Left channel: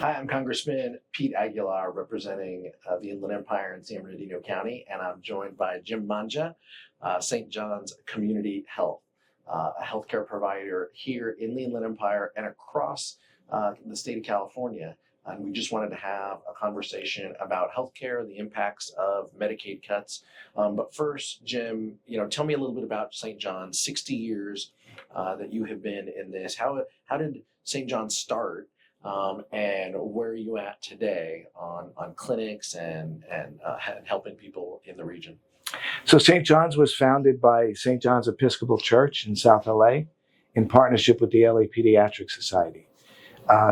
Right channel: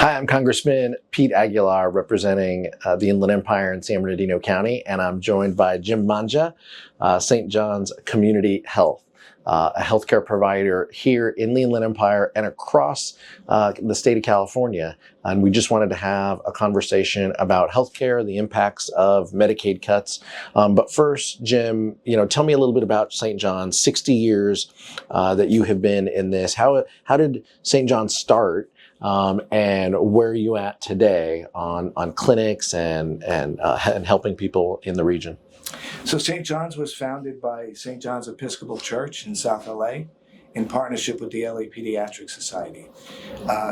Hi, I'm Congressman Pete Aguilar, representing the Inland Empire in San Bernardino County, and I'm joined by Jim Mangia, St. John's Community Health, a healthcare provider here in the Inland Empire and across the state of California. And we just wanted to have a conversation about healthcare, the impacts of Medicaid cuts. But first, Jim, tell me a little bit about St. John's. 60 years that you have been in this. How did St. John's start? And where are you at today on clinics and helping people in the region? So St. John's was founded by St. John's Episcopal Church in South LA in partnership with the LA Pediatric Society.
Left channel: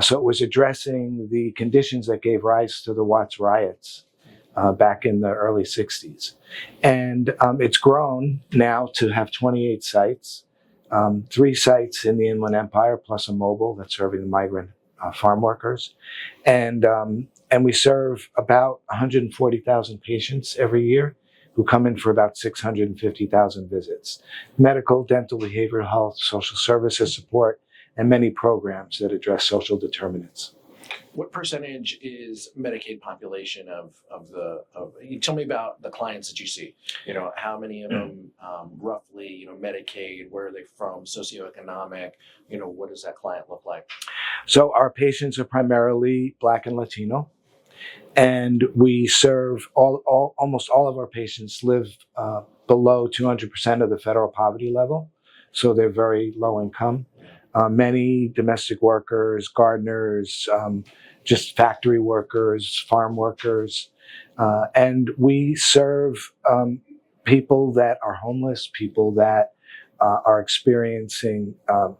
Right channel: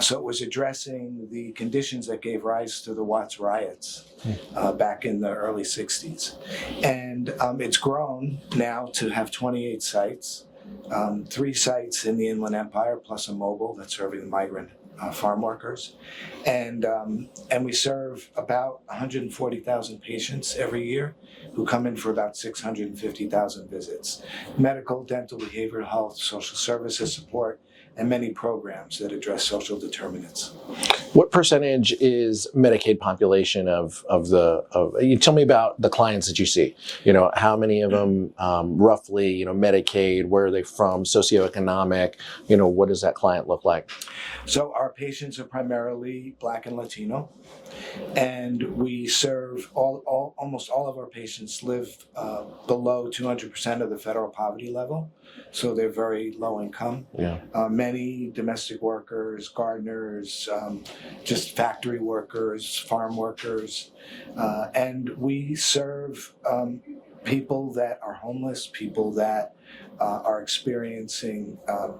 So it was addressing the conditions that gave rise to the Watts riots back in the early 60s. And it's grown now to have 28 sites, 3 sites in the Inland Empire, plus a mobile that's serving the migrant farm workers. And we serve about 140,000 patients every year who come in for about 650,000 visits. Medical, dental, behavioral health, social services support, and many programs that address social determinants. What percentage is Medicaid population you tell me about the clients that you see? How many of them roughly, Medicaid, where are they from, socioeconomic, what does that client look like? So our patients are primarily Black and Latino, and we serve almost all of our patients live below 200% of the federal poverty level. So they're very low income. Yeah. Many domestic workers, gardeners, just factory workers, farm workers. And we serve people that are homeless, people that are experiencing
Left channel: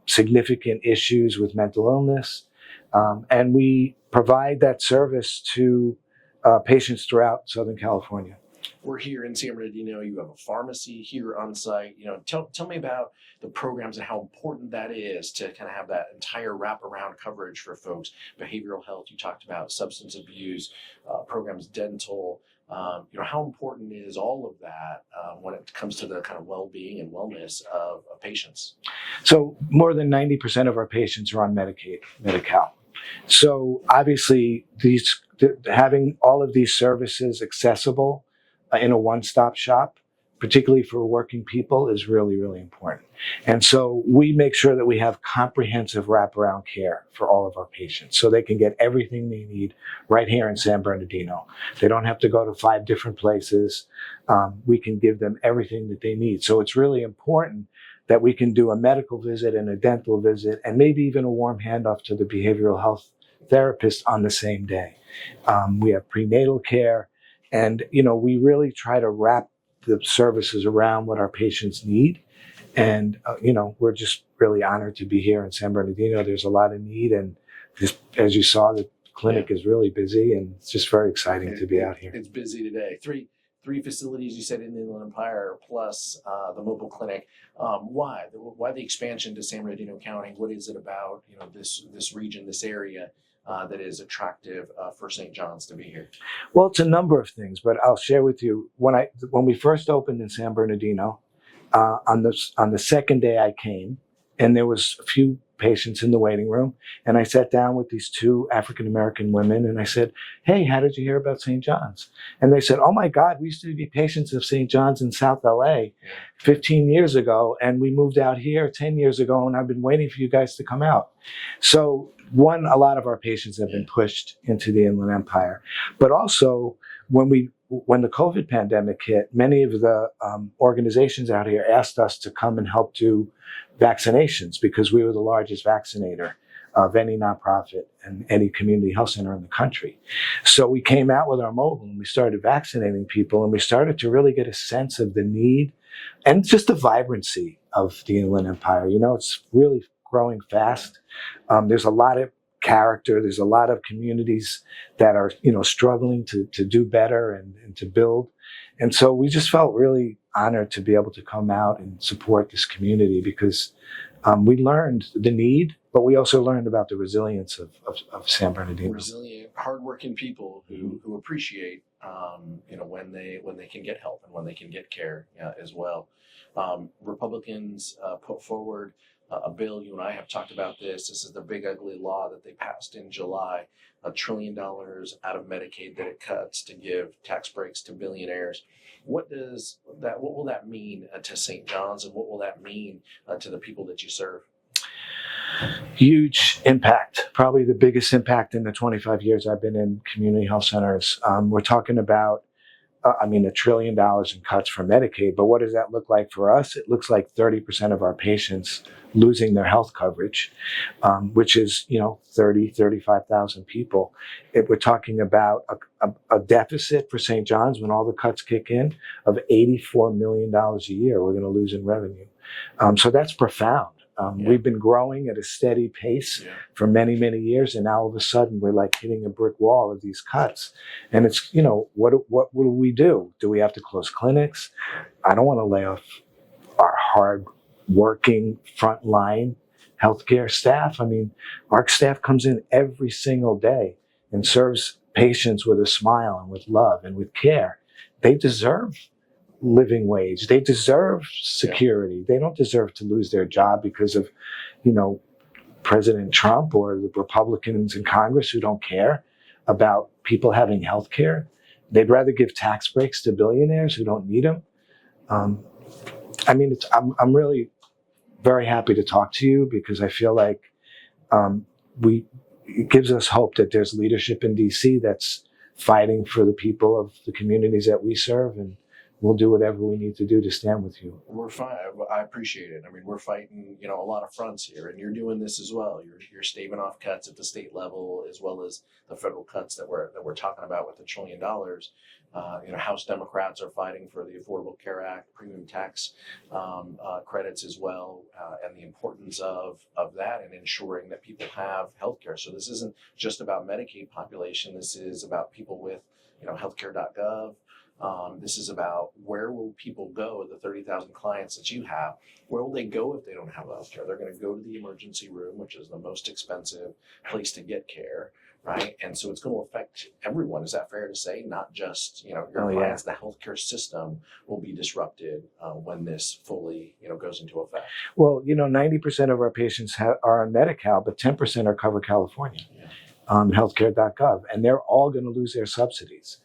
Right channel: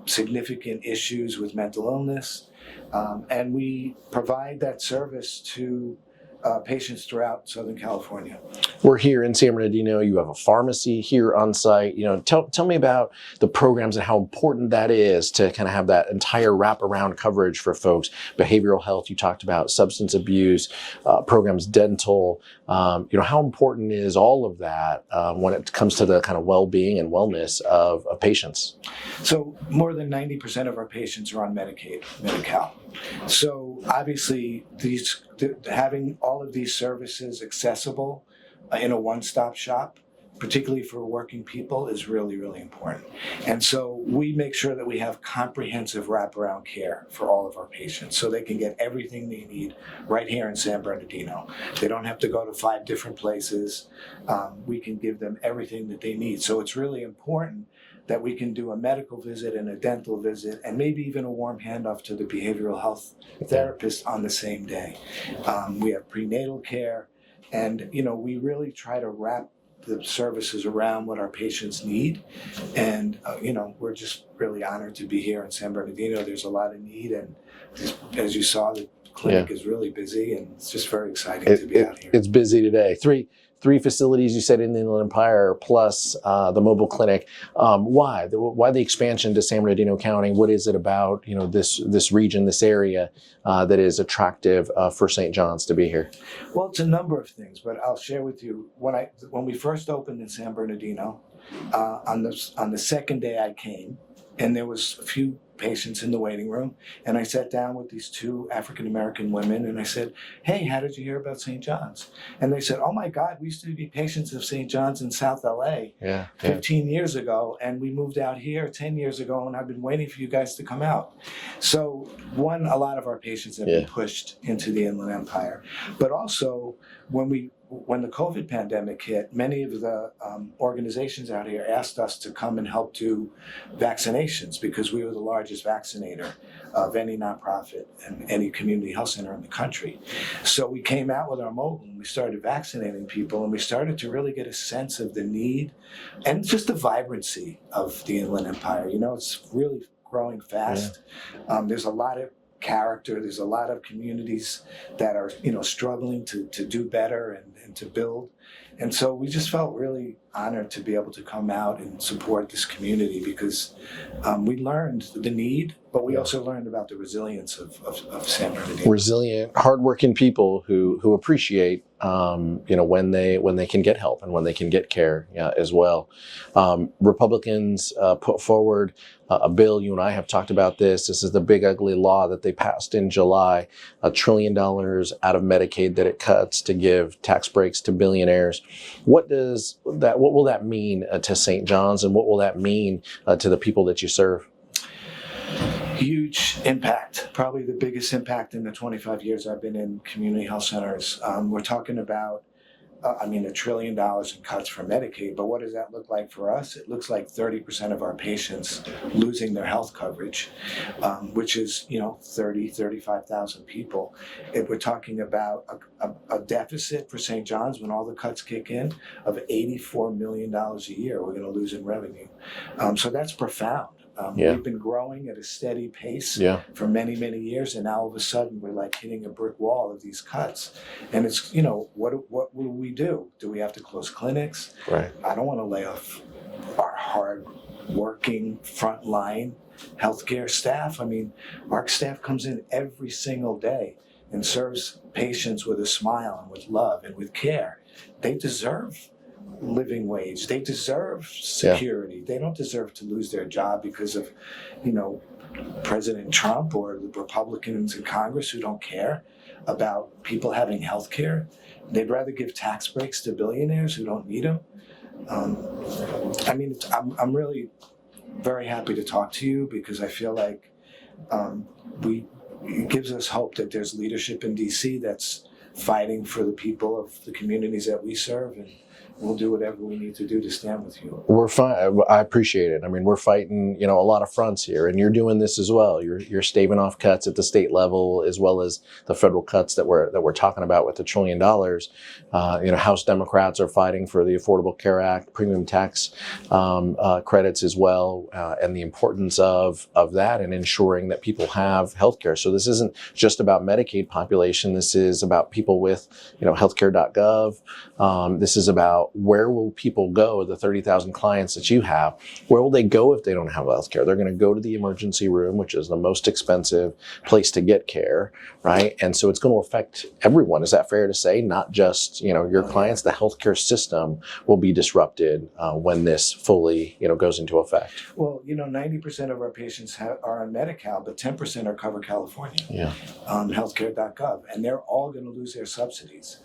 significant issues with mental illness. And we provide that service to patients throughout Southern California. We're here in San Bernardino. You have a pharmacy here on site. Tell me about the programs and how important that is to kind of have that entire wraparound coverage for folks. Behavioral health, you talked about substance abuse, programs, dental. How important is all of that when it comes to the kind of well-being and wellness of patients? So more than 90% of our patients are on Medicaid, Medi-Cal. So obviously having all of these services accessible in a one-stop shop, particularly for working people, is really, really important. And so we make sure that we have comprehensive wraparound care for all of our patients so they can get everything they need right here in San Bernardino. They don't have to go to 5 different places. We can give them everything that they need. So it's really important that we can do a medical visit and a dental visit and maybe even a warm handoff to the behavioral health therapist on the same day. We have prenatal care, and we really try to wrap the services around what our patients need. And we're just really honored to be here in San Bernardino. There's a lot of need, and just, as you saw, the clinic is really busy, and it's just very exciting to be out here. It's busy today. Three facilities, you said, in the Inland Empire, plus the mobile clinic. Why the expansion to San Bernardino County? What is it about this region, this area that is attractive for St. John's to be here? Well, it's a number of things, but I'll share with you. When we first opened in San Bernardino, on the second day I came, and there was a few patients in the waiting room, and I sat down with these 2 African-American women, and I said, "Hey, how did you hear about St. John's?" And they said, "Oh my God, we used to be patients of St. John's in South LA 15 years ago, and we moved out here 10 years ago, and I've been waiting for you guys to come out." So a lot of our patients have been pushed into the Inland Empire, but also when the COVID pandemic hit, many of the organizations out here asked us to come and help do vaccinations because we were the largest vaccinator of any nonprofit and any community health center in the country. So we came out with our mobile and we started vaccinating people, and we started to really get a sense of the need and just the vibrancy of the Inland Empire. It's really growing fast. There's a lot of character. There's a lot of communities that are, struggling to do better and to build. And so we just felt really honored to be able to come out and support this community because we learned the need, but we also learned about the resilience of San Bernardino. Resilient, hardworking people who appreciate when they can get help and when they can get care as well. Republicans put forward a bill. You and I have talked about this. This is the big ugly law that they passed in July, $1 trillion out of Medicaid that it cuts to give tax breaks to billionaires. What will that mean to St. John's, and what will that mean to the people that you serve? Huge impact, probably the biggest impact in the 25 years I've been in community health centers. We're talking about, $1 trillion in cuts for Medicaid, but what does that look like for us? It looks like 30% of our patients losing their health coverage, which is, 35,000 people. If we're talking about a deficit for St. John's when all the cuts kick in of $84 million a year, we're going to lose in revenue. So that's profound. We've been growing at a steady pace for many, many years, and now all of a sudden we're like hitting a brick wall of these cuts. And it's, what will we do? Do we have to close clinics? Right. I don't want to lay off our hard-working frontline healthcare staff. Our staff comes in every single day and serves patients with a smile and with love and with care. They deserve living wage. They deserve security. They don't deserve to lose their job because of, President Trump or the Republicans in Congress who don't care about people having health care. They'd rather give tax breaks to billionaires who don't need them. I'm really very happy to talk to you because I feel like it gives us hope that there's leadership in DC that's fighting for the people of the communities that we serve, and we'll do whatever we need to do to stand with you. We're fine. I appreciate it. We're fighting, a lot of fronts here, and you're doing this as well. You're staving off cuts at the state level as well as the federal cuts that we're talking about with the $1 trillion. House Democrats are fighting for the Affordable Care Act, premium tax credits as well, and the importance of that and ensuring that people have health care. So this isn't just about Medicaid population. This is about people with, healthcare.gov. This is about where will people go, the 30,000 clients that you have, where will they go if they don't have health care? They're going to go to the emergency room, which is the most expensive place to get care, right? And so it's going to affect everyone. Is that fair to say? Not just, your clients, the healthcare system will be disrupted when this fully, goes into effect. Well, 90% of our patients are on Medi-Cal, but 10% are Cover California on healthcare.gov, and they're all going to lose their subsidies.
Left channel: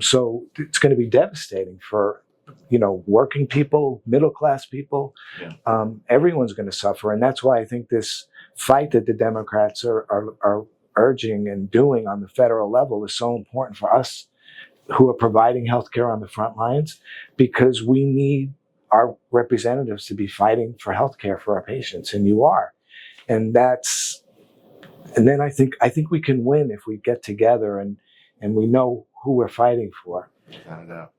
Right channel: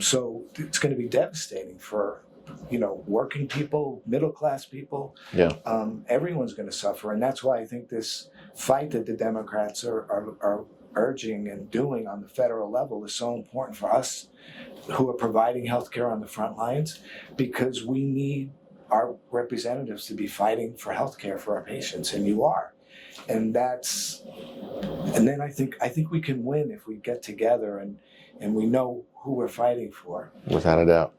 So it's going to be devastating for, working people, middle-class people. Everyone's going to suffer. And that's why I think this fight that the Democrats are urging and doing on the federal level is so important for us who are providing healthcare on the front lines, because we need our representatives to be fighting for healthcare for our patients, and you are. And then I think we can win if we get together and we know who we're fighting for. Without a doubt.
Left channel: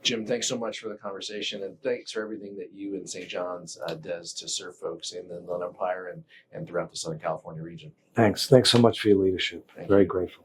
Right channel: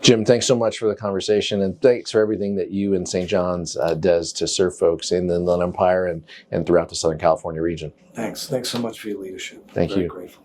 Jim, thanks so much for the conversation, and thanks for everything that you and St. John's does to serve folks in the Inland Empire and throughout the Southern California region. Thanks so much for your leadership. Thank you. Very grateful.